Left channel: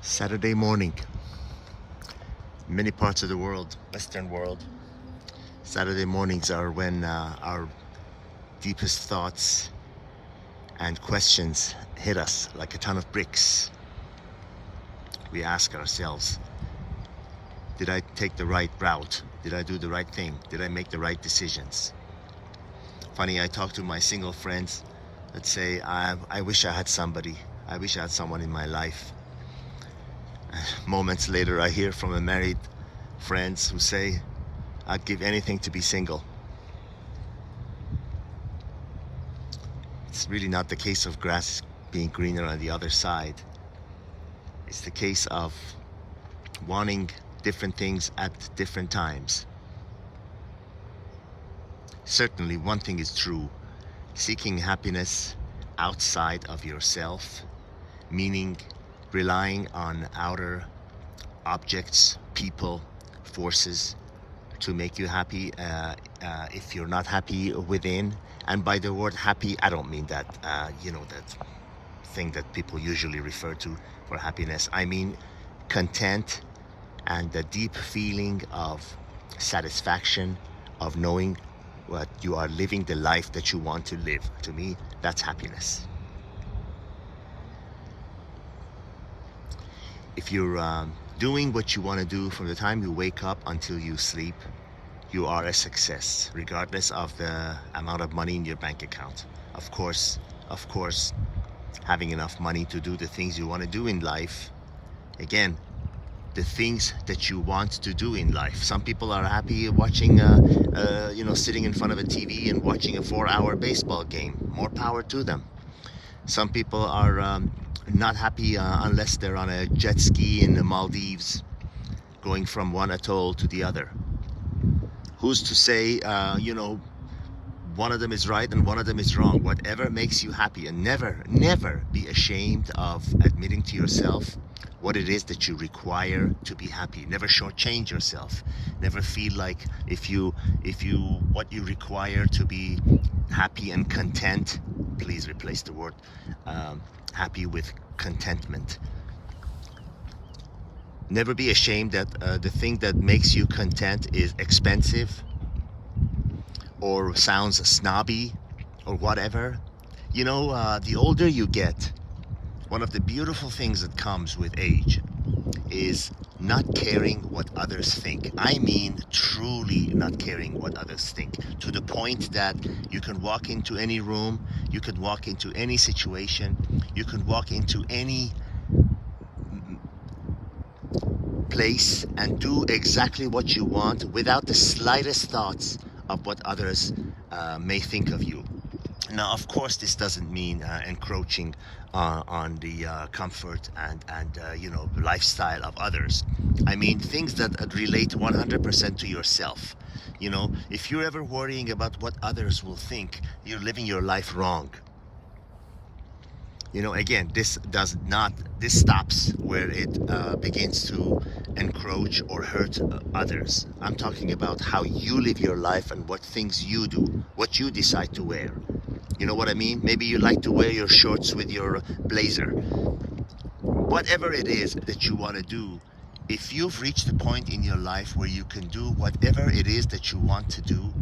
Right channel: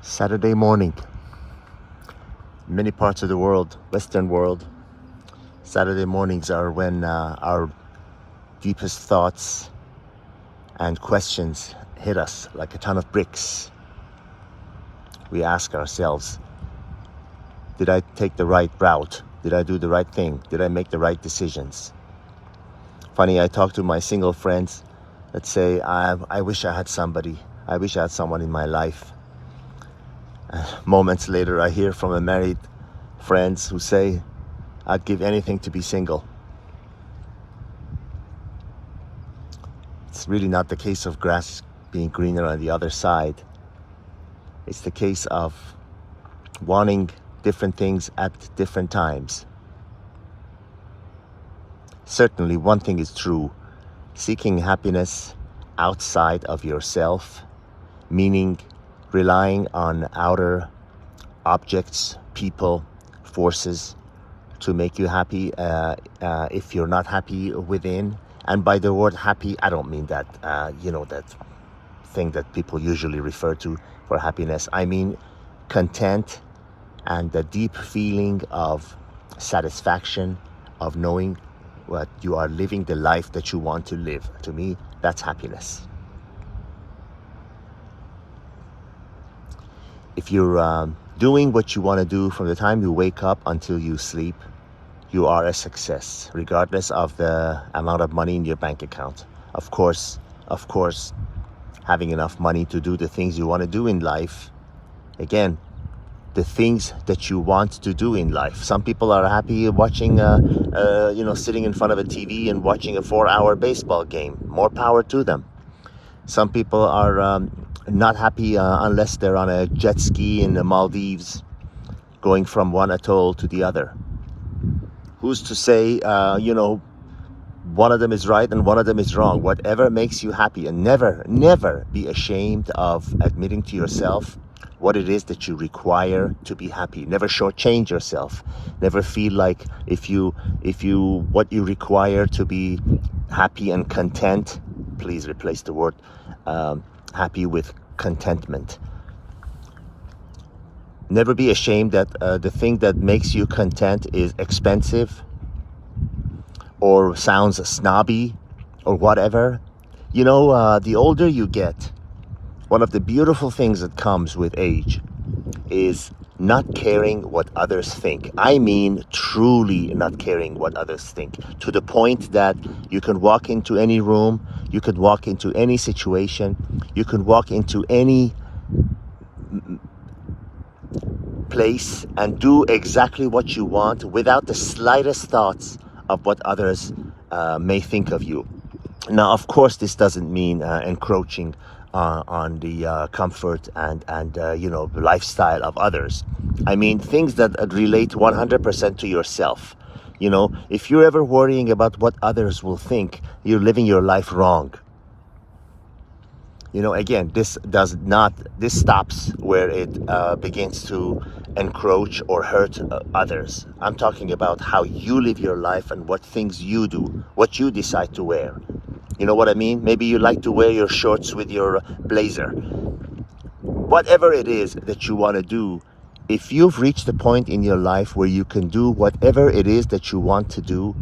Saturday morning. In many parts of the world, Western world, Saturday mornings are when our deepest thoughts and questions hit us like a ton of bricks. We ask ourselves, did I take the right route? Did I do the right thing? Did I make the right decisions? Funny, I talk to my single friends that say, I wish I had somebody. I wish I had someone in my life. Moments later, I hear from a married friends who say, I'd give anything to be single. It's really not the case of grass being greener on the other side. It's the case of wanting different things at different times. Certainly, one thing is true. Seeking happiness outside of yourself, meaning relying on outer objects, people, forces to make you happy. If you're not happy within, and by the word happy, I don't mean that, that thing that people usually refer to for happiness. I mean content and the deep feeling of satisfaction, of knowing what you are living the life that you want to live. To me, that's happiness. If you're doing what you want to do from the time you wake up until you sleep, you are a success, regardless of the amount of money in your bank account. Of course, having enough money to do the things you want to do in life. Again, the things that you want to do in life. Some people are happy watching, sitting in front of a TV and watching a 4-hour baseball game. More power to them. Some people are not happy unless they're on a jet ski in the Maldives, going from one atoll to the other. Who's to say, one of them is right and one of them is wrong? Whatever makes you happy, and never be ashamed of admitting to yourself what it is that you require to be happy. Never shortchange yourself. Never feel like what you require to be happy and content, please replace the word happy with contentment. Never be ashamed that the thing that makes you content is expensive or sounds snobby or whatever. The older you get, one of the beautiful things that comes with age is not caring what others think. I mean, truly not caring what others think, to the point that you can walk into any room, you could walk into any situation, you can walk into any place and do exactly what you want without the slightest thoughts of what others may think of you. Now, of course, this doesn't mean encroaching on the comfort and lifestyle of others. I mean things that relate 100% to yourself. If you're ever worrying about what others will think, you're living your life wrong. Again, this stops where it begins to encroach or hurt others. I'm talking about how you live your life and what things you do, what you decide to wear. You know what I mean? Maybe you like to wear your shorts with your blazer. Whatever it is that you want to do, if you've reached the point in your life where you can do whatever it is that you want to do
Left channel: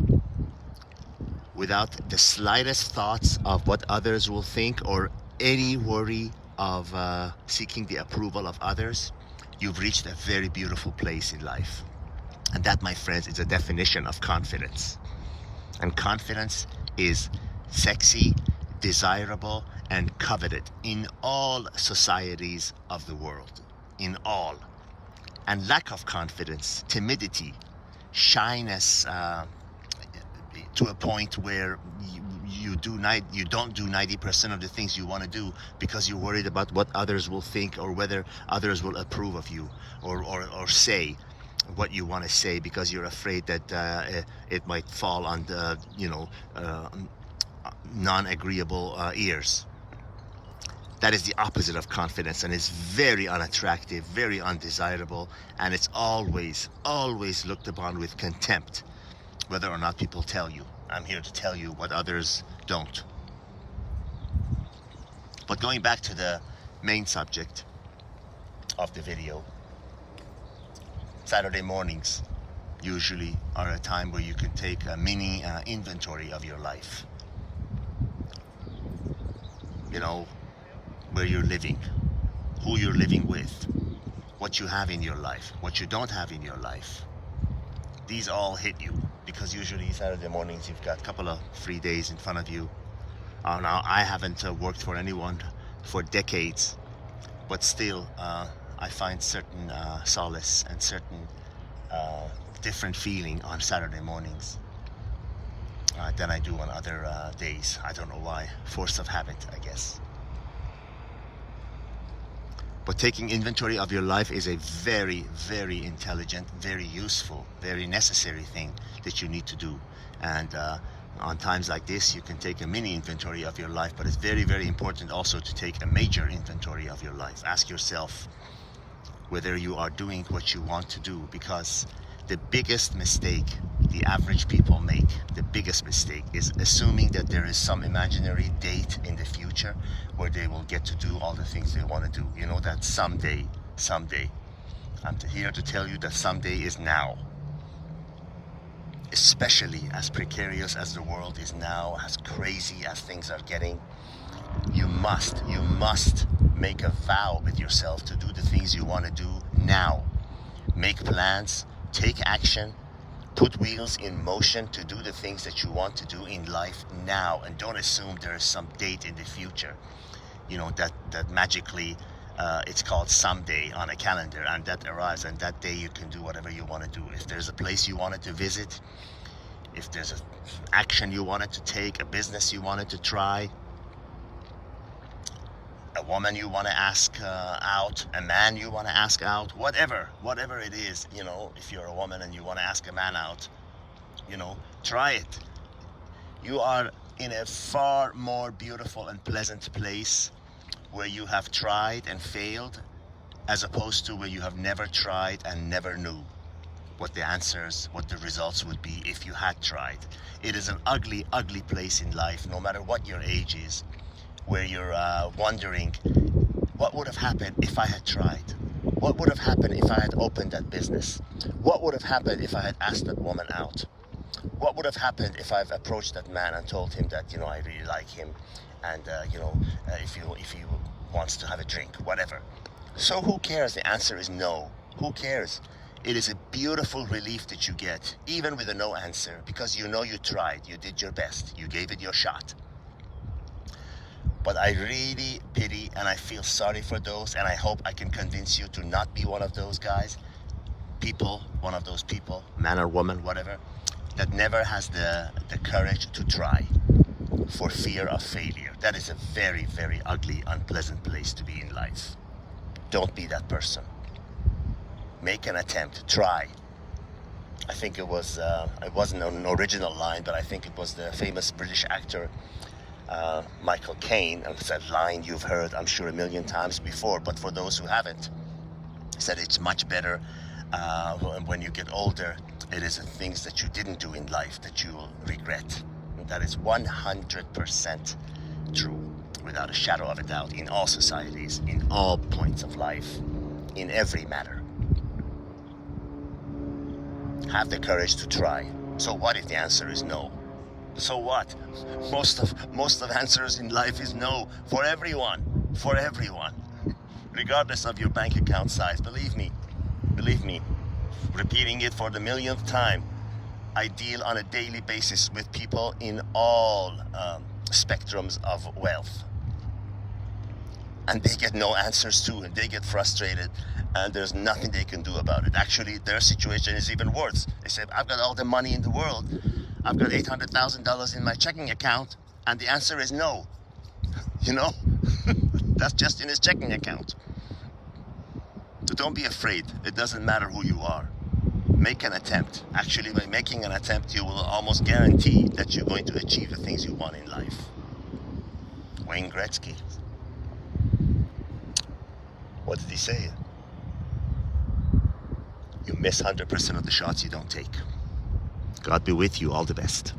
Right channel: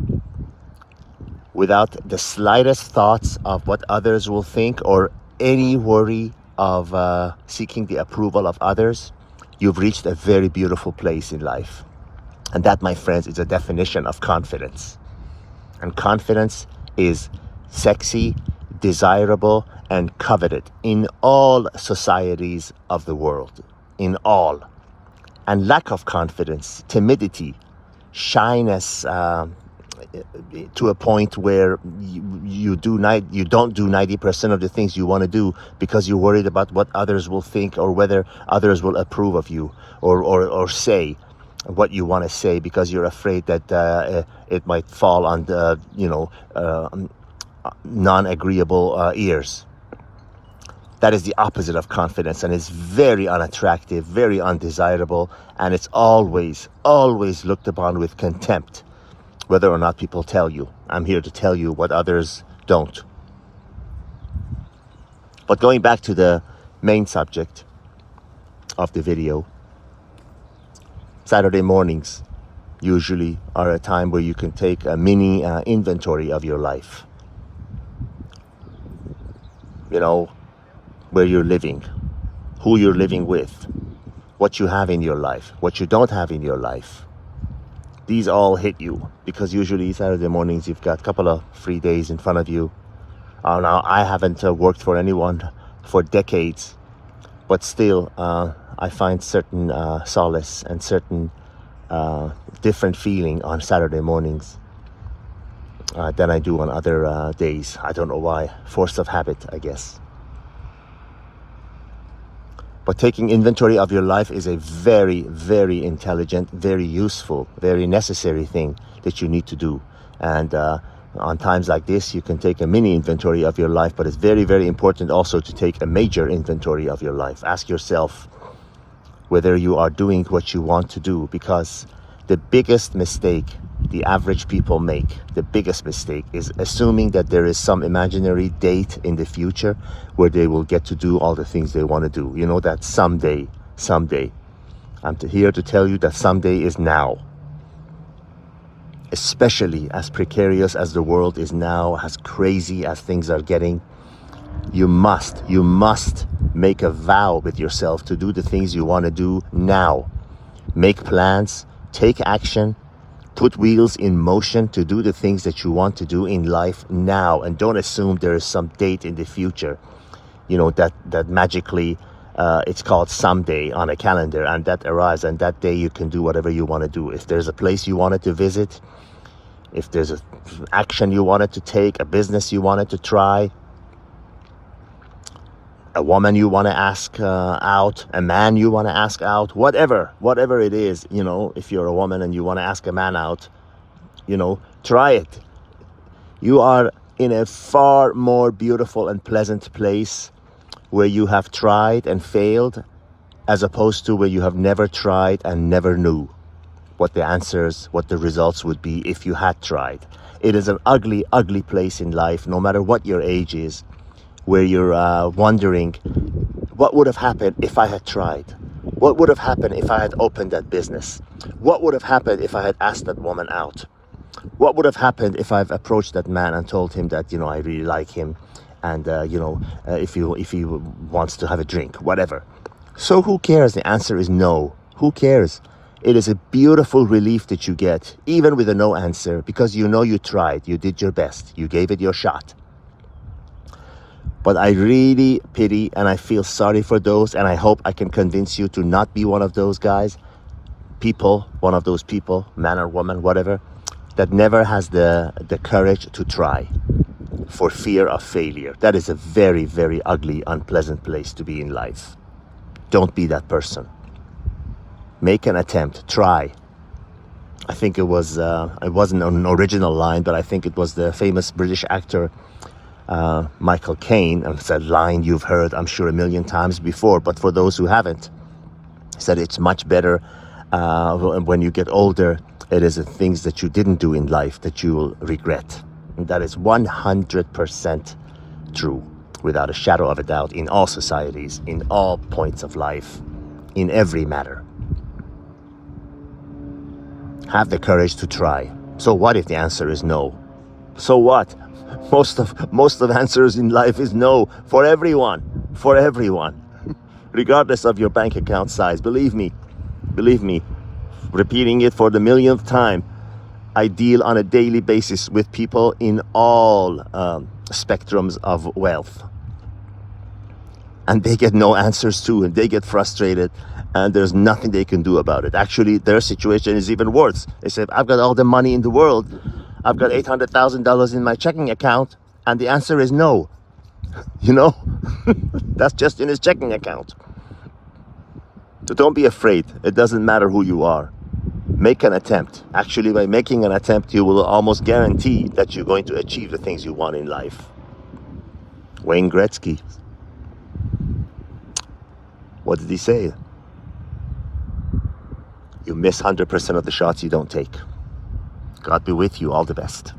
without the slightest thoughts of what others will think or any worry of seeking the approval of others, you've reached a very beautiful place in life. And that, my friends, is a definition of confidence. And confidence is sexy, desirable, and coveted in all societies of the world. In all. And lack of confidence, timidity, shyness, to a point where you don't do 90% of the things you want to do because you're worried about what others will think or whether others will approve of you or say what you want to say because you're afraid that it might fall on the non-agreeable ears. That is the opposite of confidence, and it's very unattractive, very undesirable, and it's always looked upon with contempt, whether or not people tell you. I'm here to tell you what others don't. But going back to the main subject, of the video. Saturday mornings usually are a time where you can take a mini inventory of your life. You know, where you're living, who you're living with, what you have in your life, what you don't have in your life. These all hit you because usually Saturday mornings you've got a couple of free days in front of you. Now, I haven't worked for anyone for decades, but still I find certain solace and certain different feeling on Saturday mornings than I do on other days. I don't know why. Force of habit, I guess. But taking inventory of your life is a very, very intelligent, very useful, very necessary thing that you need to do. And on times like this, you can take a mini inventory of your life, but it's very, very important also to take a major inventory of your life. Ask yourself whether you are doing what you want to do, because the biggest mistake the average people make, the biggest mistake, is assuming that there is some imaginary date in the future where they will get to do all the things they want to do. You know, that someday. I'm here to tell you that someday is now. Especially as precarious as the world is now, as crazy as things are getting, you must make a vow with yourself to do the things you want to do now. Make plans, take action, put wheels in motion to do the things that you want to do in life now, and don't assume there is some date in the future, you know, that magically it's called someday on a calendar, and that arrives, and that day you can do whatever you want to do. If there's a place you wanted to visit, if there's an action you wanted to take, a business you wanted to try, a woman you want to ask out, a man you want to ask out, whatever it is, you know, if you're a woman and you want to ask a man out, you know, try it. You are in a far more beautiful and pleasant place where you have tried and failed, as opposed to where you have never tried and never knew what the answers, what the results would be if you had tried. It is an ugly, ugly place in life, no matter what your age is, where you're wondering, what would have happened if I had tried? What would have happened if I had opened that business? What would have happened if I had asked that woman out? What would have happened if I've approached that man and told him that, you know, I really like him, and you know, if he wants to have a drink, whatever. So who cares? The answer is no. Who cares? It is a beautiful relief that you get, even with a no answer, because you know you tried, you did your best, you gave it your shot. But I really pity and I feel sorry for those, and I hope I can convince you to not be one of those guys, one of those people, man or woman, whatever, that never has the courage to try for fear of failure. That is a very, very ugly, unpleasant place to be in life. Don't be that person. Make an attempt, try. I think it wasn't an original line, but I think it was the famous British actor Michael Caine, and it's a line you've heard, I'm sure, a million times before, but for those who haven't, said it's much better when you get older. It is the things that you didn't do in life that you will regret. And that is 100% true, without a shadow of a doubt, in all societies, in all points of life, in every matter. Have the courage to try. So what if the answer is no? So what? Most of answers in life is no, for everyone, regardless of your bank account size. Believe me, repeating it for the millionth time, I deal on a daily basis with people in all spectrums of wealth, and they get no answers too, and they get frustrated, and there's nothing they can do about it. Actually, their situation is even worse. They say, I've got all the money in the world, I've got $800,000 in my checking account, and the answer is no. You know, that's just in his checking account. So don't be afraid. It doesn't matter who you are. Make an attempt. Actually, by making an attempt, you will almost guarantee that you're going to achieve the things you want in life. Wayne Gretzky. What did he say? You miss 100% of the shots you don't take. God be with you. All the best.